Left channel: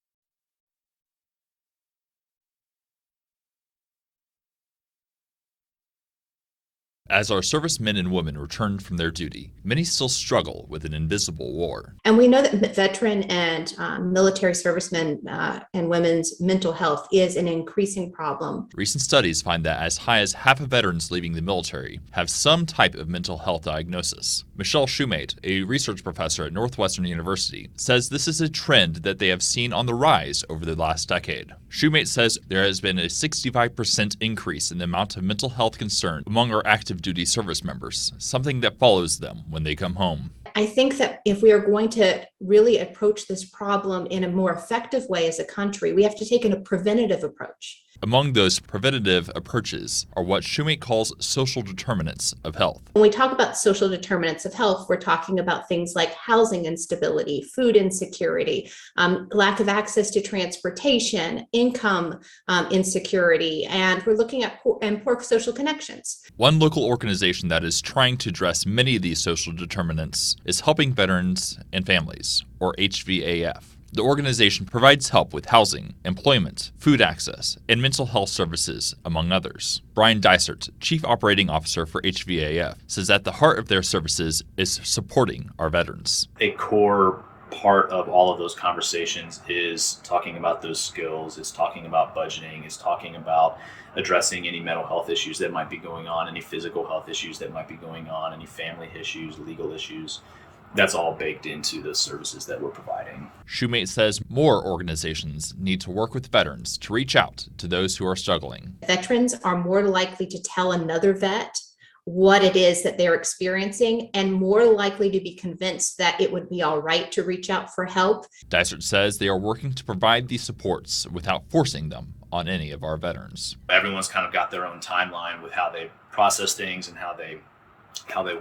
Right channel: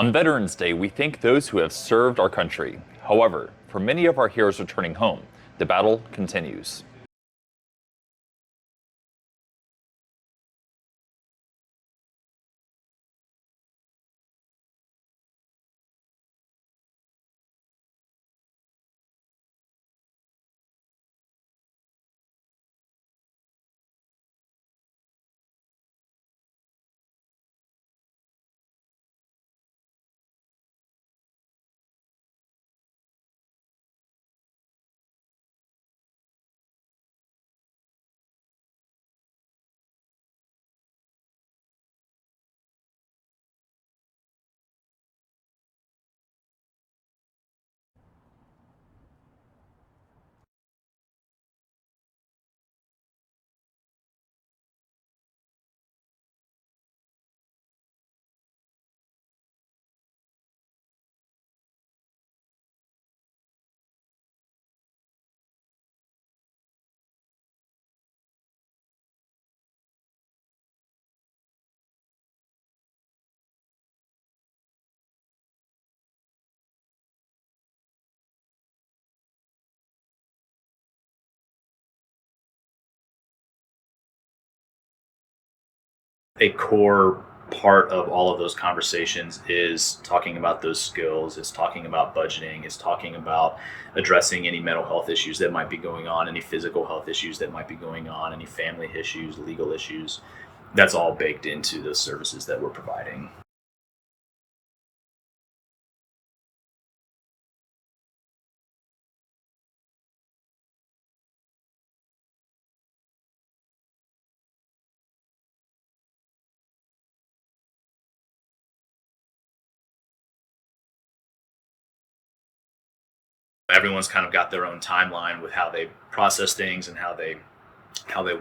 On Veterans Day, we thank those who have served our country. However, for many of our heroes returning home, the battle continues. As our servicemen and women return from their duty, many still struggle with an invisible war. And we know that veteran and military servicemen and women's mental health is an increasing problem. Recent studies find that as high as half of veterans leaving the military have some type of mental health diagnosis. Michelle Shoemate, a research professor at Northwestern University, says this is a trend that they have seen on the rise over the last decade. Shoemate says there has been a 65% increase in the amount of mental health concern among our active duty service members, something that follows them when they come home. I think that if we are going to really approach this problem in a more effective way as a country, we have to take a preventative approach. Among those preventative approaches are what Shoemate calls social determinants of health. When we talk about social determinants of health, we're talking about things like housing instability, food insecurity, lack of access to transportation, income insecurity, and we're looking at poor social connections. One local organization that is trying to address many of these social determinants is Helping Veterans and Families, or HVAF. The organization provides help with housing, employment, food access, and mental health services, among others. Brian Dysert, Chief Operating Officer for HVAF, says at the heart of their services is supporting our veterans. A core part of all of those conversations is talking about those skills, it's talking about budgeting, it's talking about addressing any mental health issues that might be going on, any physical health issues that might be going on, any family issues, legal issues. That's all baked into the services that we're providing. Shoemate says more organizations need to work with veterans to reach out to those who are struggling. Veterans are more likely to tell another vet what it is that they're experiencing and more likely to be convinced that it would be all right to reach out for help. Dysert says they are working to provide these supports without forcing them on any of our veterans. Everyone's kind of got their own timeline with how they process things and how they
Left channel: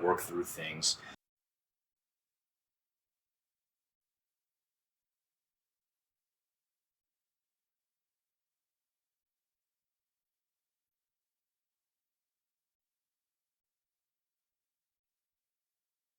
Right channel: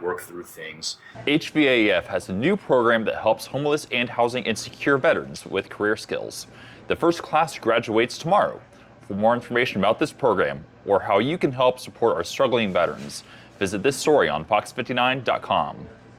work through things. HVAF has a new program that helps homeless and housing insecure veterans with career skills. The first class graduates tomorrow. For more information about this program or how you can help support our struggling veterans, visit this story on fox59.com.